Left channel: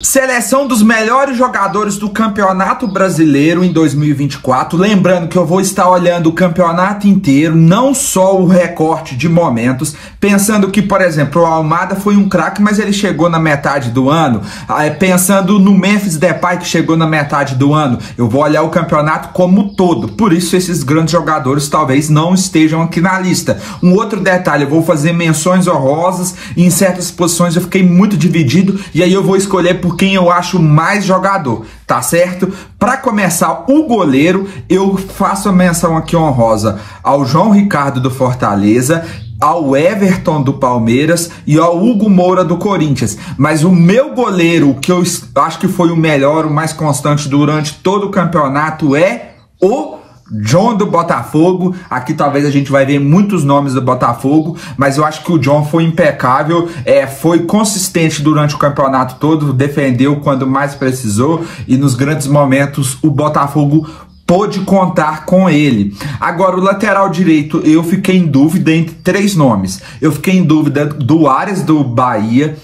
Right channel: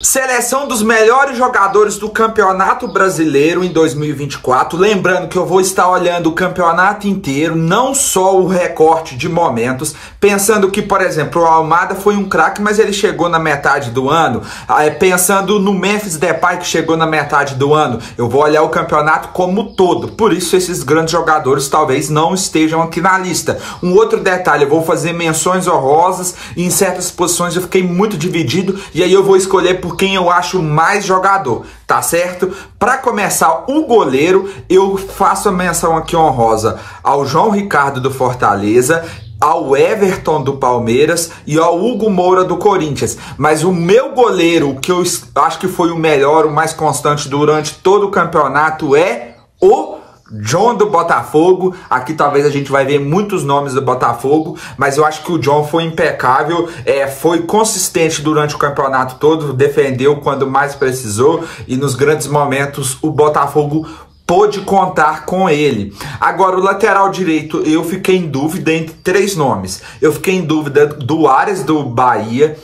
Seleção dos melhores jogadores do Campeonato Brasileiro em 2024. Lembrando que eu vou estar olhando o campeonato inteiro, não só o recorte de momentos, pensando que, por exemplo, o Almada foi um craque, mas ele chegou na metade do ano. Pensando no Memphis Depay, que chegou na metade do ano, eu vou olhar o campeonato como todo. Por isso, esses grandes jogadores talvez não estejam aqui na lista. Um outro detalhe, eu vou fazer menções honrosas e em certas posições eu fiquei muito dividido, e aí eu vou escolher por quem eu acho mais jogador, tá certo? Para começar, o goleiro, eu faço a menção aqui honrosa ao João Ricardo do Fortaleza, ao Everton do Palmeiras e ao Hugo Moura do Corinthians. Mas o meu goleiro, que eu acho que foi o melhor, o mais constante durante todo o campeonato, é o John do Botafogo. Aqui talvez a gente vai ver muitos nomes do Botafogo, mas eu acho que o John foi impecável, foi consistente durante o campeonato todo, defendeu quando mais precisou e nos grandes momentos o Botafogo pôde contar com ele. Agora, o lateral direito, eu fiquei em dúvida entre três nomes. Eu fiquei em dúvida do Ares do Bahia,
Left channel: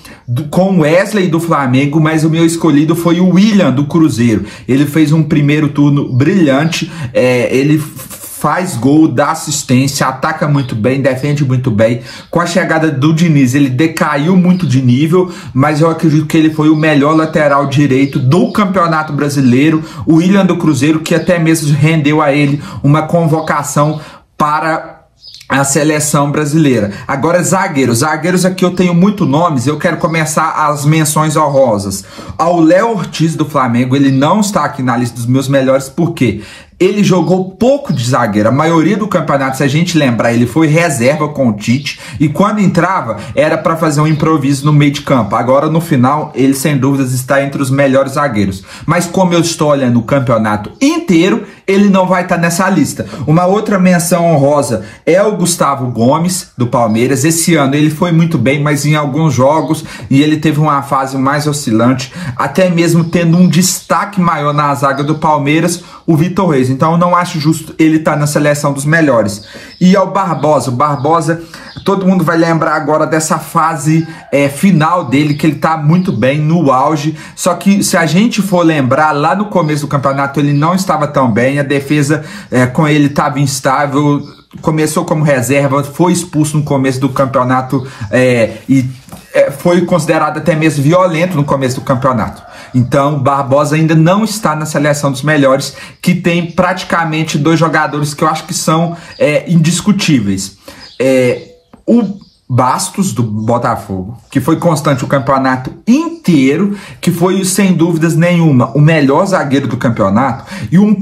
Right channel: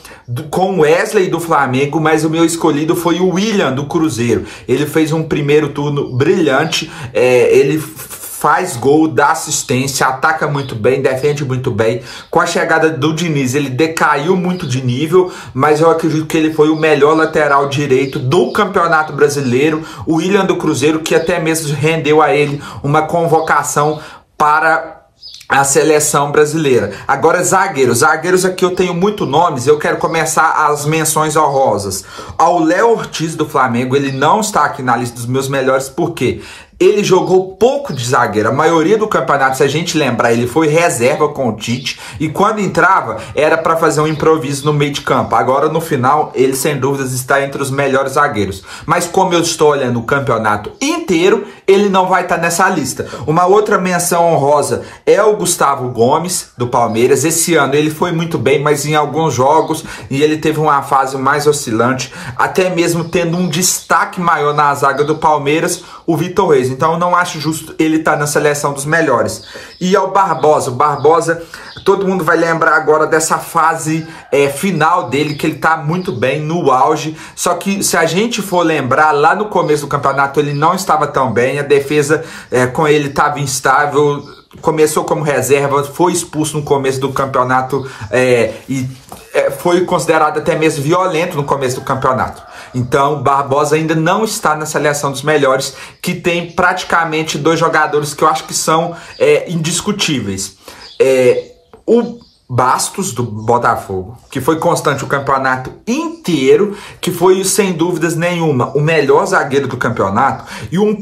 com Wesley do Flamengo, mas o meu escolhido foi o William do Cruzeiro. Ele fez um primeiro turno brilhante, ele faz gol, dá assistência, ataca muito bem, defende muito bem. Com a chegada do Diniz, ele decaiu muito de nível, mas eu acredito que ele foi o melhor lateral direito do Campeonato Brasileiro. O William do Cruzeiro, que até mesmo rendeu a ele uma convocação para a seleção brasileira. Agora, zagueiros aqui eu tenho muitos nomes, eu quero começar as menções honrosas. Ao Léo Ortiz do Flamengo, ele não está aqui na lista dos meus melhores, por quê? Ele jogou pouco de zagueiro. A maioria do campeonato, se a gente lembrar, ele foi reserva com o Tite. E quando entrava, era para fazer um improviso no meio de campo. Agora, no final, ele sem dúvidas está entre os melhores zagueiros. Mas como eu estou olhando o campeonato inteiro, ele não vai estar nessa lista. Uma outra menção honrosa é o Gustavo Gomes, do Palmeiras. Esse ano ele foi muito bem, mas em alguns jogos e ele teve uma fase mais oscilante, até mesmo tendo um destaque maior na zaga do Palmeiras, o Vitor Reis. Então eu não acho justo ele estar na seleção dos melhores. E ao Barbosa, todo mundo vai lembrar agora dessa fase final dele, que ele tá muito bem, no auge. Só que se a gente for lembrar, lá no começo do campeonato ele não estava tão bem, a defesa com ele estava instável, começou como reserva, foi expulso no começo do campeonato e foi considerado até mesmo violento no começo do campeonato. Então, Barbosa ainda não está na seleção dos melhores, que tem praticamente dois jogadores que eu acho que são indiscutíveis. O Bastos, do Botafogo, que foi constante o campeonato inteiro, que foi, sem dúvidas nenhuma, o melhor zagueiro do campeonato. E um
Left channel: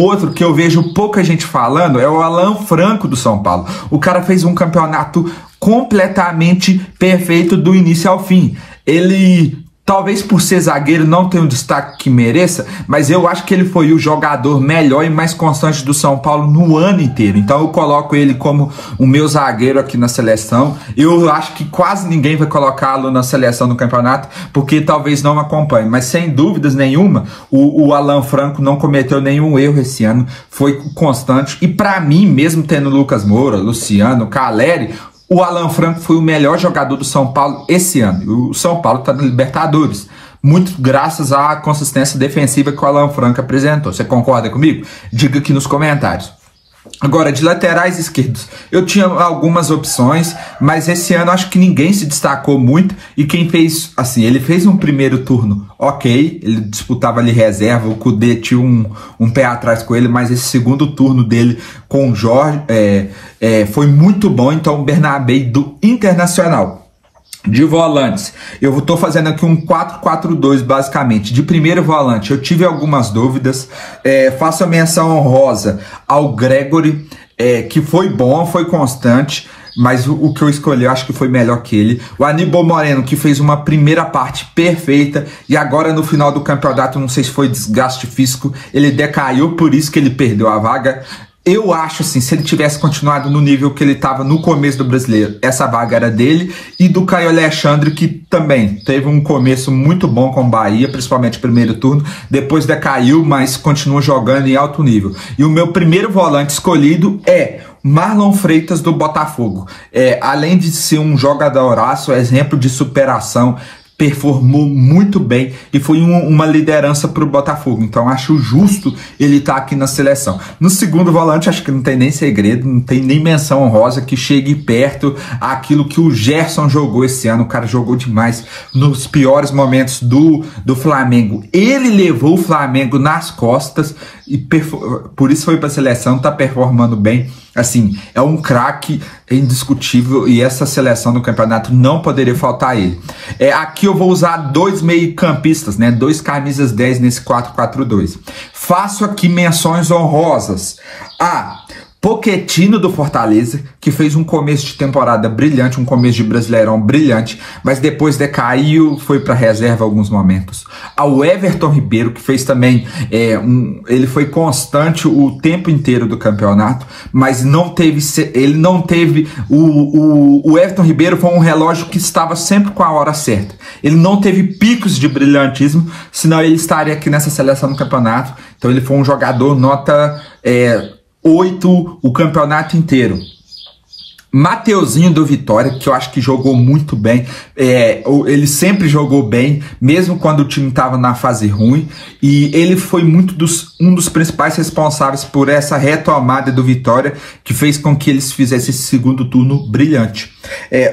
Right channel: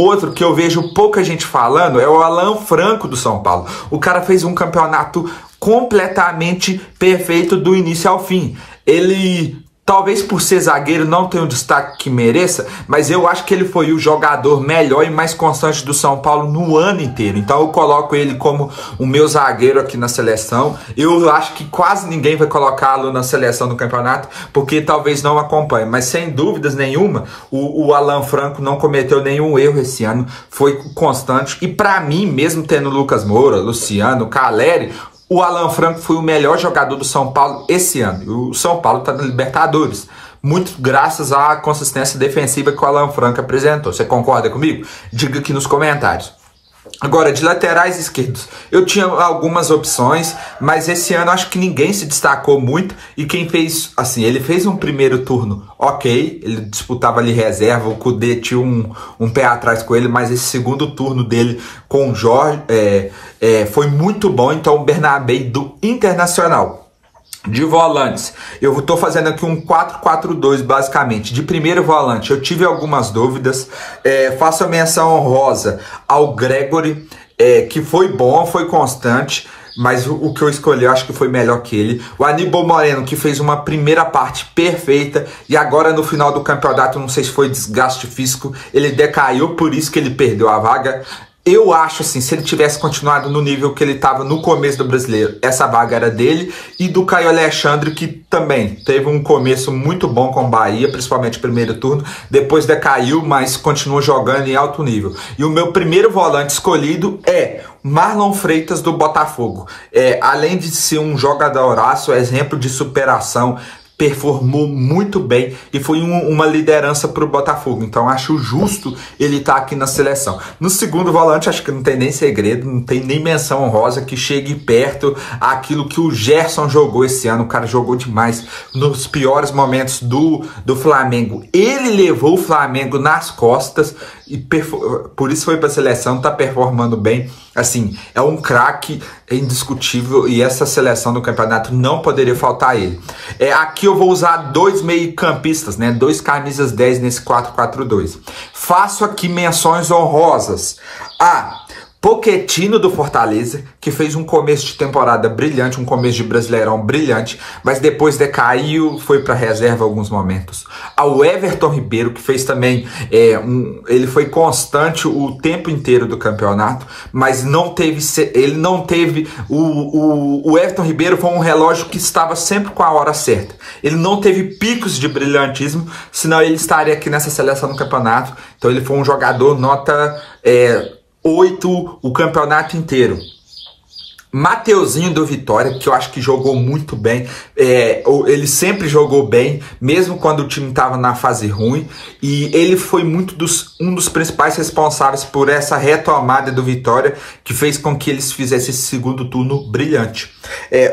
outro que eu vejo pouca gente falando é o Alan Franco, do São Paulo. O cara fez um campeonato completamente perfeito do início ao fim. Ele, talvez por ser zagueiro, não tenha o destaque que mereça, mas eu acho que ele foi o jogador melhor e mais constante do São Paulo no ano inteiro. Então eu coloco ele como o meu zagueiro aqui na seleção. Eu acho que quase ninguém vai colocá-lo na seleção do campeonato, porque talvez não acompanhe. Mas sem dúvidas nenhuma, o Alan Franco não cometeu nenhum erro esse ano, foi constante. E para mim, mesmo tendo Lucas Moura, Luciano, Caleri, o Alan Franco foi o melhor jogador do São Paulo esse ano. O São Paulo está na Libertadores, muito graças à consistência defensiva que o Alan Franco apresentou. Você concorda comigo? Diga aqui nos comentários. Agora, de laterais esquerdos, eu tinha algumas opções, mas esse ano acho que ninguém se destacou muito. E quem fez, assim, ele fez um primeiro turno ok, ele disputava ali reserva, o Kudê tinha um pé atrás com ele, mas esse segundo turno dele com o Jorge foi muito bom. Então, o Bernabé do Internacional. De volantes, eu estou fazendo aqui um 4-4-2 basicamente. De primeiro volante, eu tive algumas dúvidas. Faço a menção honrosa ao Gregory, que foi bom, foi constante, mas o que eu escolhi eu acho que foi melhor que ele. O Aníbal Moreno, que fez uma primeira parte perfeita e agora no final do campeonato, não sei se foi desgaste físico, ele decaiu, por isso que ele perdeu a vaga. Eu acho assim, se ele tivesse continuado no nível que ele estava no começo do Brasileiro, essa vaga era dele. E do Caio Alexandre, que também teve um começo muito bom com o Bahia, principalmente primeiro turno, depois decaiu, mas continua jogando em alto nível. E o meu primeiro volante escolhido é Marlon Freitas, do Botafogo. Além de ser um jogadoraço, exemplo de superação, performou muito bem e foi uma liderança para o Botafogo. Então acho justo ele estar aqui na seleção. No segundo volante, acho que não tem nem segredo, não tem nem menção honrosa que chegue perto aquilo que o Gerson jogou esse ano. O cara jogou demais nos piores momentos do Flamengo. Ele levou o Flamengo nas costas e por isso foi para a seleção, tá performando bem. Assim, é um craque indiscutível e essa seleção do campeonato não poderia faltar ele. Aqui eu vou usar dois meio-campistas, né? Dois camisas 10 nesse 4-4-2. Faço aqui menções honrosas a Pochettino do Fortaleza, que fez um começo de temporada brilhante, um começo de Brasileirão brilhante, mas depois decaiu, foi para reserva alguns momentos. Ao Everton Ribeiro, que fez também, ele foi constante o tempo inteiro do campeonato, mas o Everton Ribeiro foi um relógio que estava sempre com a hora certa. Ele não teve picos de brilhantismo, senão ele estaria aqui nessa seleção do campeonato. Então ele foi um jogador nota 8 o campeonato inteiro. Mateuzinho do Vitória, que eu acho que jogou muito bem, ele sempre jogou bem, mesmo quando o time estava na fase ruim, e ele foi um dos principais responsáveis por essa retomada do Vitória, que fez com que eles fizessem esse segundo turno brilhante.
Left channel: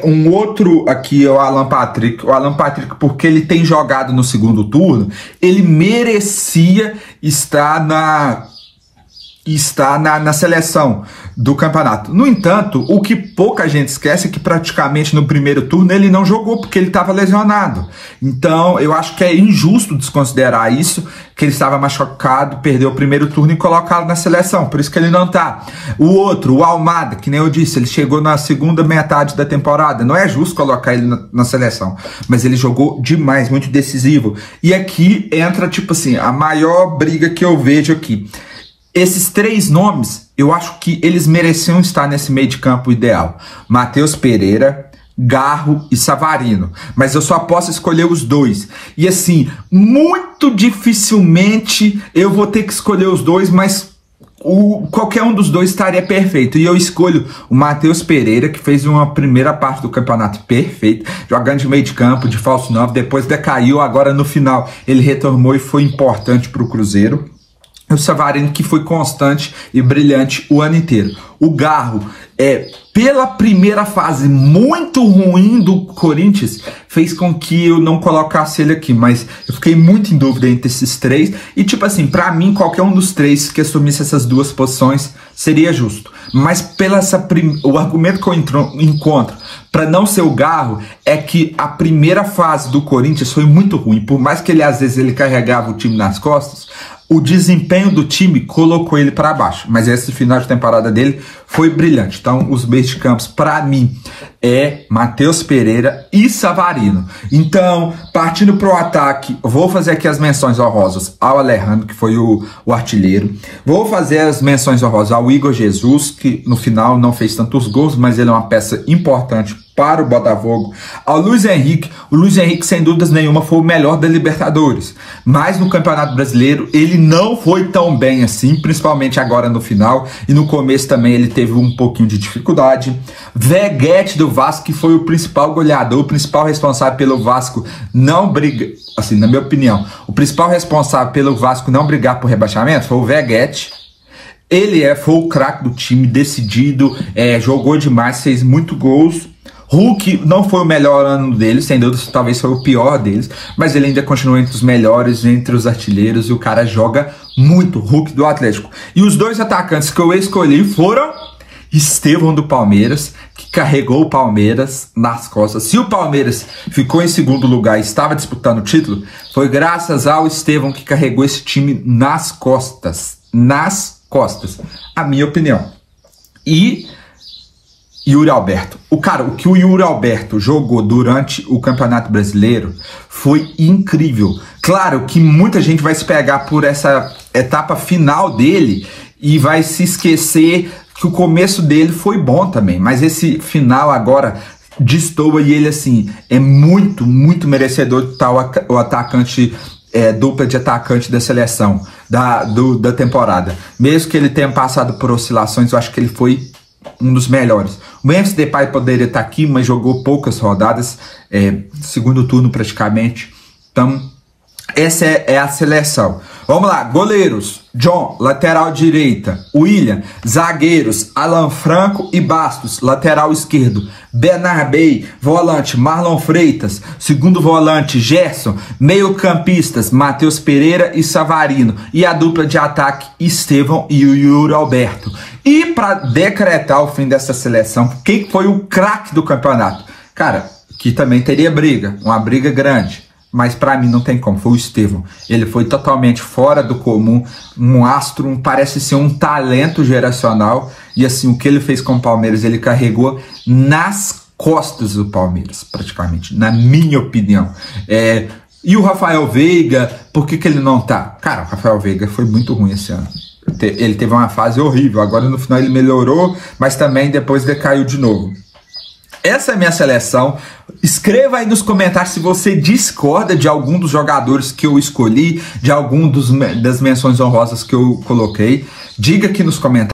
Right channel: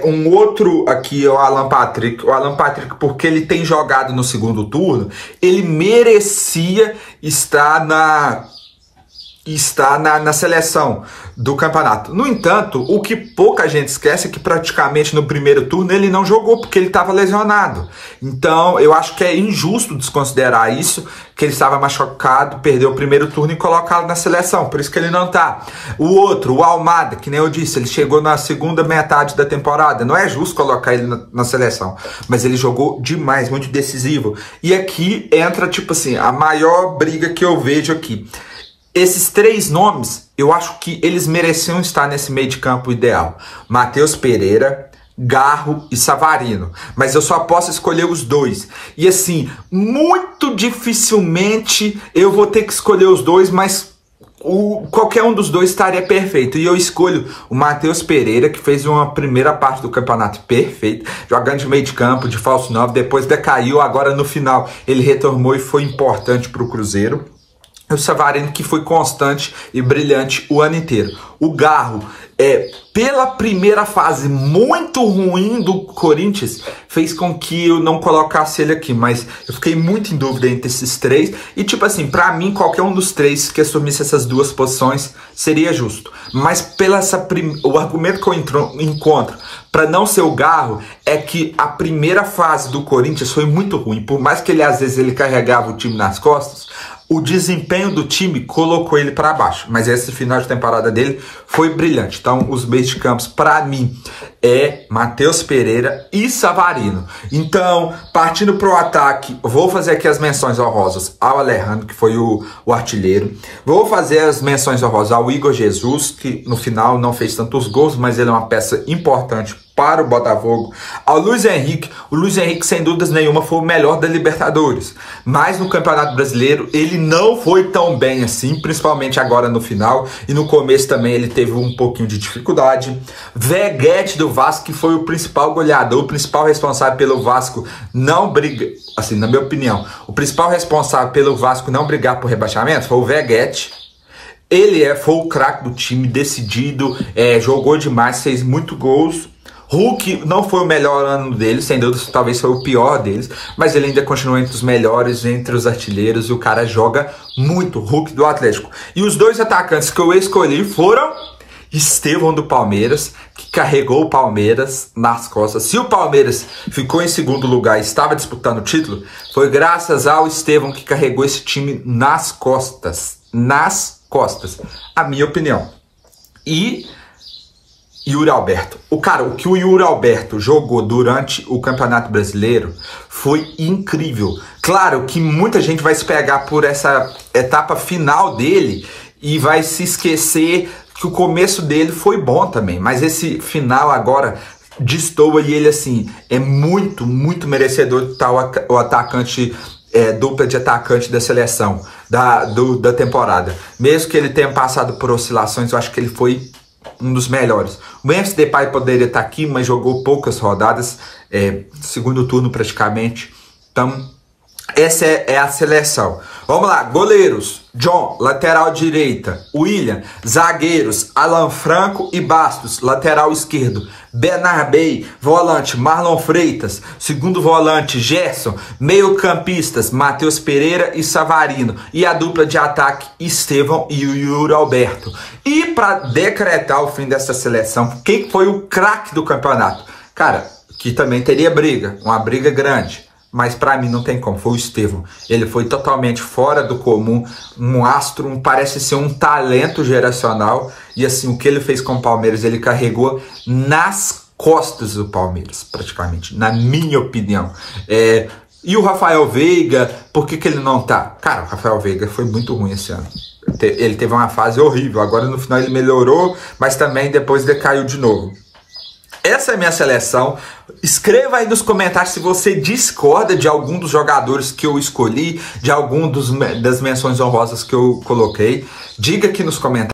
Um outro aqui é o Alan Patrick. O Alan Patrick, porque ele tem jogado no segundo turno, ele merecia estar na seleção do campeonato. No entanto, o que pouca gente esquece é que praticamente no primeiro turno ele não jogou porque ele estava lesionado. Então eu acho que é injusto desconsiderar isso, que ele estava machucado, perdeu o primeiro turno e colocá-lo na seleção, por isso que ele não tá. O outro, o Almada, que nem eu disse, ele chegou na segunda metade da temporada, não é justo colocar ele na seleção, mas ele jogou demais, muito decisivo. E aqui entra, tipo assim, a maior briga que eu vejo aqui. Esses três nomes, eu acho que eles mereciam estar nesse meio de campo ideal. Matheus Pereira, Garro e Savarino. Mas eu só posso escolher os dois. E assim, muito dificilmente eu vou ter que escolher os dois, mas qualquer um dos dois estaria perfeito. E eu escolho o Matheus Pereira, que fez uma primeira parte do campeonato perfeito, jogando de meio de campo, de falso 9, depois decaiu, agora no final ele retornou e foi importante para o Cruzeiro. O Savarino, que foi constante e brilhante o ano inteiro. O Garro, pela primeira fase muito ruim do Corinthians, fez com que eu não colocasse ele aqui, mas eu fiquei muito em dúvida entre esses três, e tipo assim, pra mim, qualquer um dos três que assumisse essas duas posições seria justo. Mas o argumento que eu encontro para não ser o Garro é que a primeira fase do Corinthians foi muito ruim, por mais que às vezes ele carregava o time nas costas, o desempenho do time colocou ele para baixo, mas esse final de temporada dele foi brilhante. Então, os meios de campos, para mim, Matheus Pereira e Savarino. Então, partindo para o ataque, vou fazer aqui as menções honrosas ao Alejandro, que foi o artilheiro. Vou fazer as menções honrosas ao Igor Jesus, que no final não fez tantos gols, mas ele é uma peça importante para o Botafogo. Ao Luiz Henrique, o Luiz Henrique sem dúvidas nenhuma foi o melhor da Libertadores, mas no Campeonato Brasileiro ele não foi tão bem assim, principalmente agora no final, e no começo também ele teve um pouquinho de dificuldade. Veguete do Vasco, que foi o principal goleador, o principal responsável pelo Vasco não brigar, assim, na minha opinião, o principal responsável pelo Vasco não brigar por rebaixamento foi o Veguete. Ele foi o craque do time, decidido, jogou demais, fez muitos gols. Hulk não foi o melhor ano dele, sem dúvida, talvez foi o pior deles, mas ele ainda continua entre os melhores, entre os artilheiros, e o cara joga muito, Hulk do Atlético. E os dois atacantes que eu escolhi foram Estevão do Palmeiras, que carregou o Palmeiras nas costas. Se o Palmeiras ficou em segundo lugar e estava disputando o título, foi graças ao Estevão que carregou esse time nas costas. Nas costas, a minha opinião. E Yuri Alberto. O que o Yuri Alberto jogou durante o Campeonato Brasileiro foi incrível. Claro que muita gente vai se pegar por essa etapa final dele e vai se esquecer que o começo dele foi bom também, mas esse final agora destoa e ele assim é muito, muito merecedor de tal o atacante, dupla de atacante da seleção da temporada. Mesmo que ele tenha passado por oscilações, eu acho que ele foi um dos melhores. O Memphis Depay poderia estar aqui, mas jogou poucas rodadas, segundo turno praticamente. Então, essa é a seleção. Vamos lá, goleiros: John, lateral direita; William, zagueiros: Alan Franco e Bastos, lateral esquerdo; Bernabei, volante; Marlon Freitas, segundo volante; Gerson, meio campistas: Matheus Pereira e Savarino, e a dupla de ataque: Estevão e o Yuri Alberto. E para decretar o fim dessa seleção, quem foi o craque do campeonato? Cara, que também teria briga, uma briga grande, mas para mim não tem como, foi o Estevão. Ele foi totalmente fora do comum, um astro, parece ser um talento geracional, e assim, o que ele fez com o Palmeiras, ele carregou nas costas do Palmeiras, praticamente, na minha opinião. E o Rafael Veiga, por que ele não tá? Cara, o Rafael Veiga foi muito ruim esse ano. Ele teve uma fase horrível, agora no final ele melhorou, mas também depois decaiu de novo. Essa é a minha seleção. Escreva aí nos comentários se você discorda de algum dos jogadores que eu escolhi, de algum das menções honrosas que eu coloquei. Diga aqui nos comentários.